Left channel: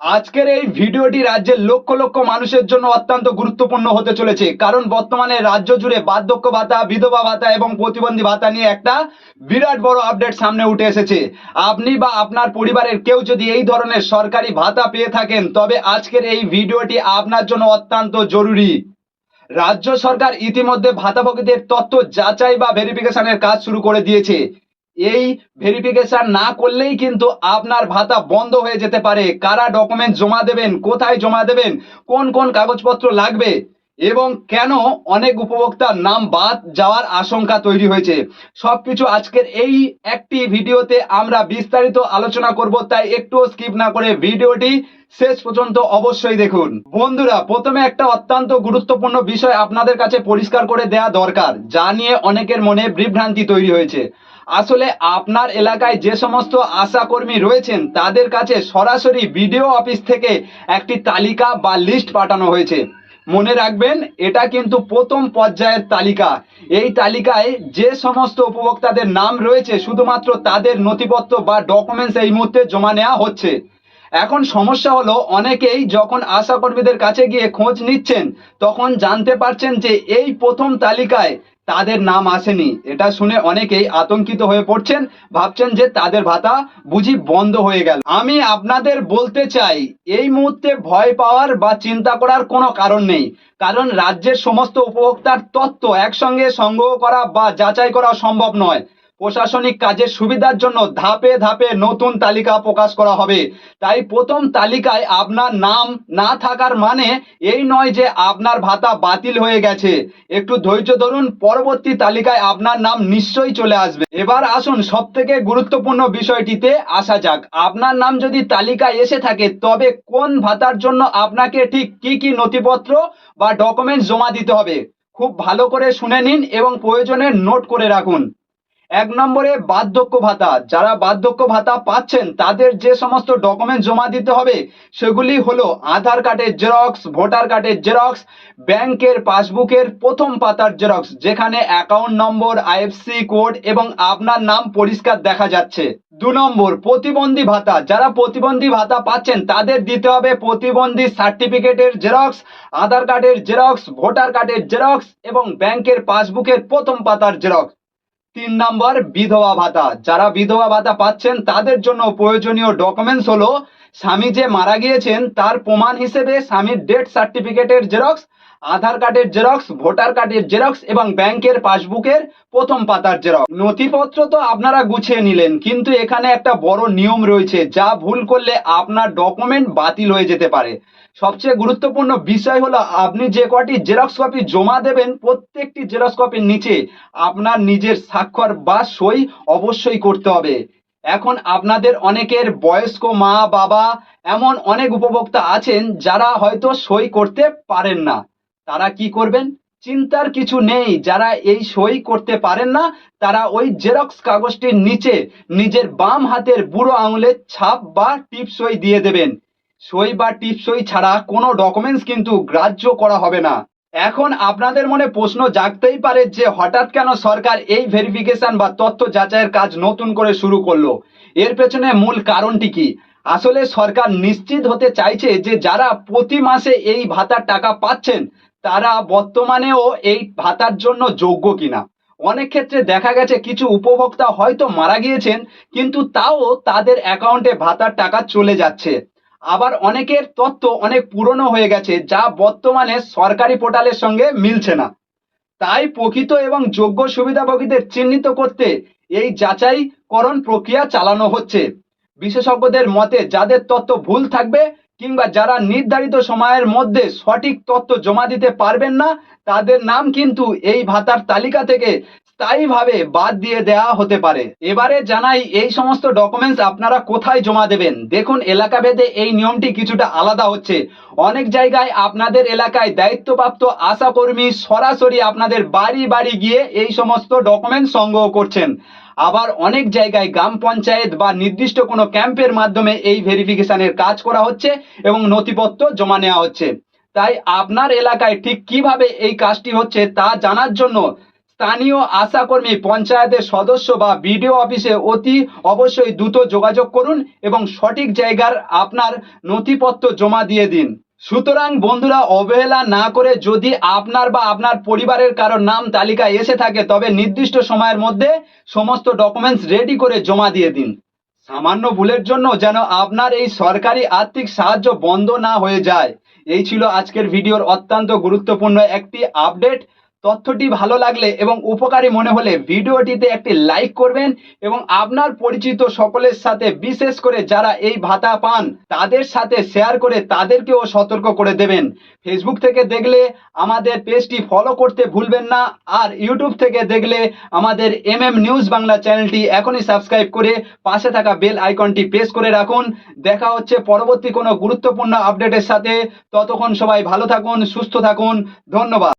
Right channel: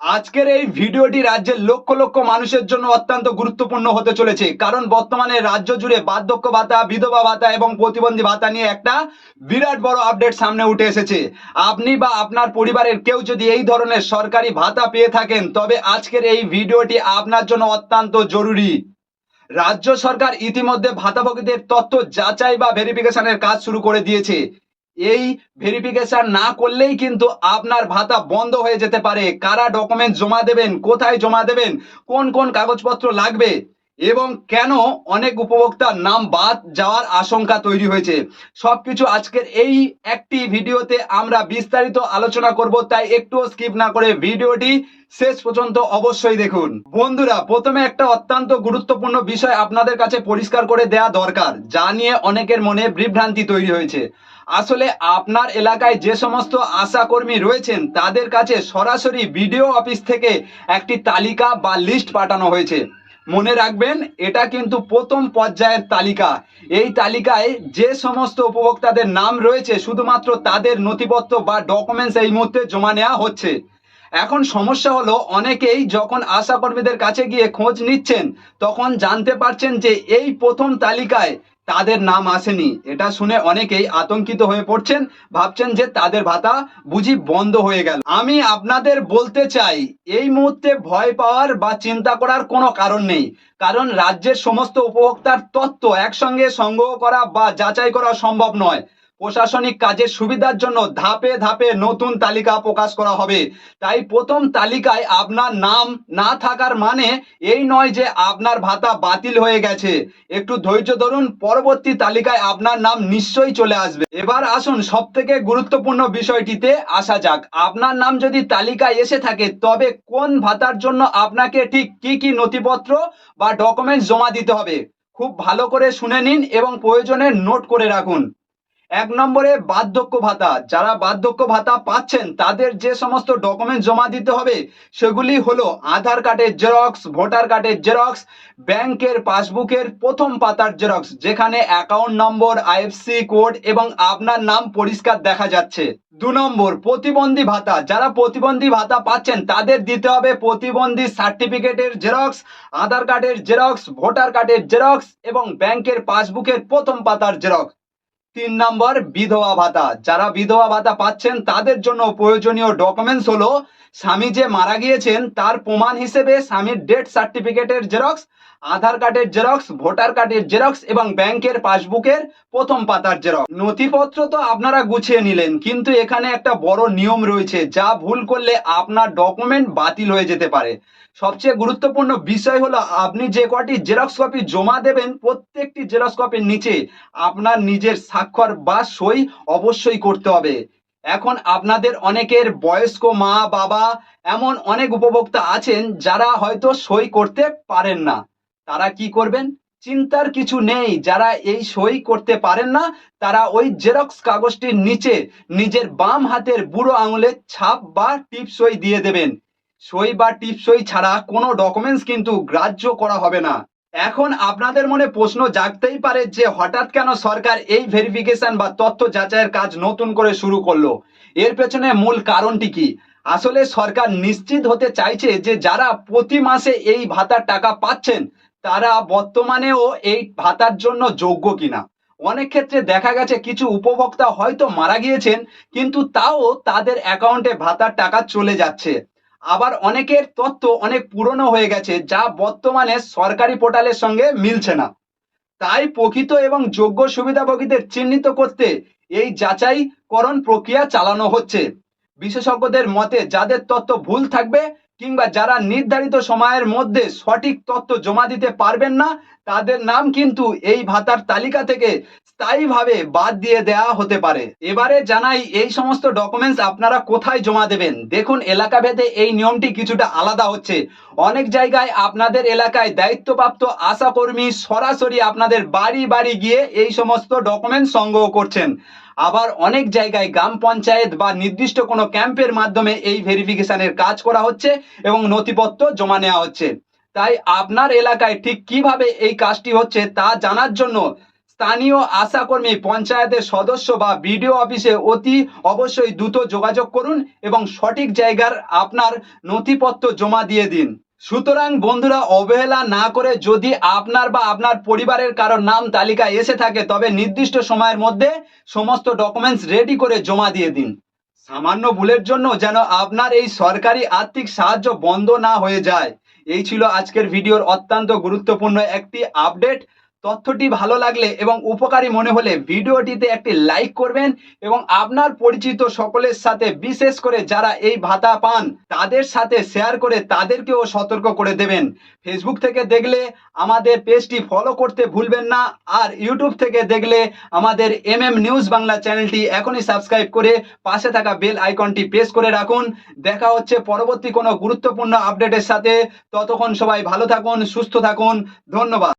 আজকের এই ভিডিওটি রাজ্যের লক্ষ লক্ষ মানুষের জন্য অত্যন্ত গুরুত্বপূর্ণ হতে চলেছে, কারণ বর্তমানে রাজ্য জুড়ে বার্ধক্য ভাতা, বিধবা ভাতা এবং প্রতিবন্ধী ভাতা নিয়ে একটা বিরাট বড় আপডেট সামনে উঠে এসেছে। আপনি বা আপনার পরিবারের কেউ যদি এই ধরনের সরকারি ভাতা পেয়ে থাকেন, তবে আজকের এই ভিডিওটি আপনার জন্য অত্যন্ত জরুরি। রাজ্য সরকার ইতিমধ্যে ভাতাভোগীদের তথ্য যাচাই বা ভেরিফিকেশনের কাজ শুরু করে দিয়েছে। এই ভেরিফিকেশন না করলেই কিন্তু আপনার ভাতা বন্ধ হয়ে যেতে পারে। কারা ডকুমেন্ট জমা দেবেন, কোথায় জমা দেবেন, কোন কোন কাগজপত্র লাগবে এবং কেন অনেক উপভোক্তার নাম বাদ যাওয়ার আশঙ্কা তৈরি হয়েছে, সবকিছু আজকের এই একটি ভিডিওতে আমরা বিস্তারিত আলোচনা করব। তাই একটুও স্কিপ না করে ভিডিওটি শেষ পর্যন্ত অবশ্যই দেখুন। বন্ধুরা, প্রথমে একটা অত্যন্ত গুরুত্বপূর্ণ বিষয় আপনাদের কাছে পরিষ্কার করে দেয়া দরকার, যা নিয়ে অনেকের মনে বিভ্রান্তি তৈরি হয়েছে। আসলে আপনার এলাকায় যে সমস্ত আশাকর্মী রয়েছেন তাদের কাছে সরাসরি বিডিও অফিস থেকে একটি তালিকা বা লিস্ট পাঠানো হয়েছে। মনে রাখবেন, এটা কিন্তু প্রথম পর্যায়ের তালিকা। এই তালিকায় যে সমস্ত উপভোক্তাদের নাম রয়েছে শুধুমাত্র তাদের নথিপত্র বা ডকুমেন্টস এই মুহূর্তে জমা নেওয়া হচ্ছে। এখন সমস্যা হলো, অনেকেই যখন আশাকর্মীদের কাছে গিয়ে খোঁজ নিচ্ছেন তখন জানতে পারছেন যে এই প্রথম তালিকায় তাদের নাম আসেনি। এটা শুনে অনেকেই আতঙ্কিত হয়ে পড়ছেন, ভাবছেন যে তাদের ভাতা বুঝি বন্ধ হয়ে গেল। আমি আপনাদের বলতে চাই, এই মুহূর্তে ভয় পাওয়ার বা চিন্তা করার কোনো কারণ নেই, কারণ রাজ্যের সমস্ত উপভোক্তার তথ্য একসঙ্গে সংগ্রহ করা বা যাচাই করা সম্ভব নয়। প্রশাসনিক কাজের সুবিধার জন্য ধাপে ধাপে নতুন তালিকা প্রকাশ করা হবে। তাই প্রথম তালিকায় আপনার নাম না থাকার মানে এই নয় যে আপনার ভাতা বাতিল হয়ে গেছে। একটু ধৈর্য ধরুন, পরবর্তী তালিকায় আপনার নাম নিশ্চয়ই চলে আসবে। এবার আসুন সব থেকে গুরুত্বপূর্ণ বিষয়টিতে আসা যাক। আপনার নাম যদি তালিকায় এসে থাকে, তবে কোন ভাতার জন্য আপনাকে ঠিক কি কি নথিপত্র বা ডকুমেন্টস জমা দিতে হবে খুব ভালো করে শুনে নিন এবং প্রয়োজনে নোট করে রাখুন। ১ নম্বরে বার্ধক্য ভাতা। যারা বার্ধক্য ভাতা পাচ্ছেন তাদের যে সমস্ত ডকুমেন্ট জমা দিতে হবে সেগুলি হলো আধার কার্ডের জেরক্স, ভোটার কার্ডের জেরক্স, ব্যাংকের পাসবুকের প্রথম পাতার জেরক্স যেখানে অ্যাকাউন্ট নম্বর, আইএফসি কোড এবং আপনার নাম পরিষ্কার দেখা যাচ্ছে। ২ নম্বর প্রতিবন্ধী ভাতা। যারা প্রতিবন্ধী ভাতা পাচ্ছেন তাদের দিতে হবে প্রতিবন্ধী সার্টিফিকেটের জেরক্স, আধার কার্ডের জেরক্স, ভোটার কার্ডের জেরক্স এবং ব্যাংকের পাসবুকের প্রথম পাতার জেরক্স। ৩ নম্বর বিধবা ভাতা। যারা বিধবা ভাতা পাচ্ছেন তাদের জন্য প্রয়োজনীয় ডকুমেন্টস হলো স্বামী যে মারা গিয়েছেন তার প্রমাণ হিসেবে স্বামীর ডেথ সার্টিফিকেটের জেরক্স, আধার কার্ডের জেরক্স, ভোটার কার্ডের জেরক্স এবং ব্যাংকের পাসবুকের প্রথম পাতার জেরক্স। নথিপত্র তো আপনারা গুছিয়ে নিলেন, কিন্তু এখানে একটা বড় নিয়ম রয়েছে, যা ভুল করলে আপনার ডকুমেন্ট বাতিল হয়ে যেতে পারে। সবচেয়ে গুরুত্বপূর্ণ বিষয় হলো, আপনি যে কটি জেরক্স কপি জমা দেবেন প্রত্যেকটি জেরক্স কপির নিচে আপনার নিজের স্বাক্ষর বা সই অবশ্যই করতে হবে। এখন আপনাদের অনেকের বয়স্ক মা বাবা এমন অনেক উপভোক্তা আছেন যারা হয়তো সই করতে পারেন না। তারা কি করবেন? চিন্তার কিছু নেই। যারা এই সই করতে পারেন না তারা ওই জেরক্স কাগজটির নিচে নিজের বাম হাতের বুড়ো আঙুলের ছাপ বা টিপ সই দিয়ে দেবেন। সই বা টিপ সই ছাড়া কোনো ডকুমেন্টস কিন্তু গ্রাহ্য করা হবে না। এখন আপনাদের মনে প্রশ্ন জাগতেই পারে যে হঠাৎ কেন সরকার এই ভেরিফিকেশন বা তথ্য যাচাইয়ের কাজ নতুন করে শুরু করলো। এর পেছনে মূল কারণটি কি? আসলে সরকার নিশ্চিত হতে চাইছে যে যারা প্রতি মাসে এই ভাতার টাকা পাচ্ছেন তারা বর্তমানেও এই ভাতার জন্য যোগ্য কিনা। অনেক ক্ষেত্রে দেখা গেছে কিছু উপভোক্তা হয়তো মারা গিয়েছেন, কিন্তু তাও তাদের অ্যাকাউন্টে ভাতার টাকা চলে যাচ্ছে। আবার অনেকের তথ্য অনেক পুরনো হয়ে গেছে, যা বর্তমানে সরকারি পোর্টালের সঙ্গে মিলছে না। তাই প্রকৃত এবং যোগ্য সুবিধাভোগীদের চিহ্নিত করতে এই যাচাইকরণ প্রক্রিয়া চালানো হচ্ছে। বিশেষজ্ঞদের মতে যাদের তথ্য ভুল থাকবে কিংবা যারা নির্ধারিত সময়ের মধ্যে সঠিক তথ্য জমা দিতে পারবেন না, তাদের নাম কিন্তু এই ভাতার তালিকা থেকে স্থায়ীভাবে বাদ দিয়ে দেওয়া হতে পারে। এবারে জানাই এই সমস্ত ডকুমেন্টস আপনারা কোথায় জমা দেবেন। দেখুন, এলাকা ভেদে এই নিয়মটি কিছুটা আলাদা হচ্ছে। অনেক জায়গায় আপনাদের এলাকায় দায়িত্বপ্রাপ্ত আশাকর্মী সরাসরি আপনাদের বাড়ি বাড়ি গিয়ে এই সমস্ত ডকুমেন্ট সংগ্রহ করছেন। আবার অনেক জায়গায় গ্রাম পঞ্চায়েত বা নির্দিষ্ট কোনো ক্যাম্পের মাধ্যমে এই ভেরিফিকেশনের কাজ করা হচ্ছে এবং নথিপত্র জমা নেওয়া হচ্ছে। তাই আপনার এলাকায় ঠিক কিভাবে এই কাজটি হচ্ছে তা জানার জন্য স্থানীয় আশাকর্মী, পঞ্চায়েতের সদস্য বা বিডিও অফিসে অতি অবশ্যই দ্রুত যোগাযোগ করুন এবং সঠিক জায়গার আপনার নথিপত্র জমা দিয়ে দিন। সুতরাং বন্ধুরা, অবহেলা না করে যদি আপনার বা আপনার পরিবারের কারোর নাম তালিকায় এসে থাকে তবে নির্দিষ্ট সময়ের মধ্যে সমস্ত ডকুমেন্টস রেডি করে জমা দিয়ে দিন। সামান্য ভুলের জন্য যেন আপনার এই সরকারি আর্থিক সাহায্য বন্ধ না হয়ে যায়। এই ছিল আজকের ভিডিওর অত্যন্ত গুরুত্বপূর্ণ একটি আপডেট। তথ্যটি ভালো লাগলে এবং উপকারী মনে হলে ভিডিওটিতে একটি লাইক করবেন এবং আপনার পরিচিত সকলের সাথে, বিশেষ করে যারা এই ভাতা পান তাদের সাথে শেয়ার করে তাদেরকেও সতর্ক করে দেবেন। ফেসবুক থেকে দেখলে আমাদের পেজটি ফলো করতে ভুলবেন না, আর ইউটিউব থেকে দেখলে আমাদের নিউজ বাংলা চ্যানেলটি এখনই সাবস্ক্রাইব করে পাশে থাকা বেল আইকনটি প্রেস করে রাখুন। দেখা হচ্ছে পরবর্তী কোনো গুরুত্বপূর্ণ আপডেটের সাথে। ততক্ষণ সবাই ভালো থাকুন, সুস্থ থাকুন। ধন্যবাদ।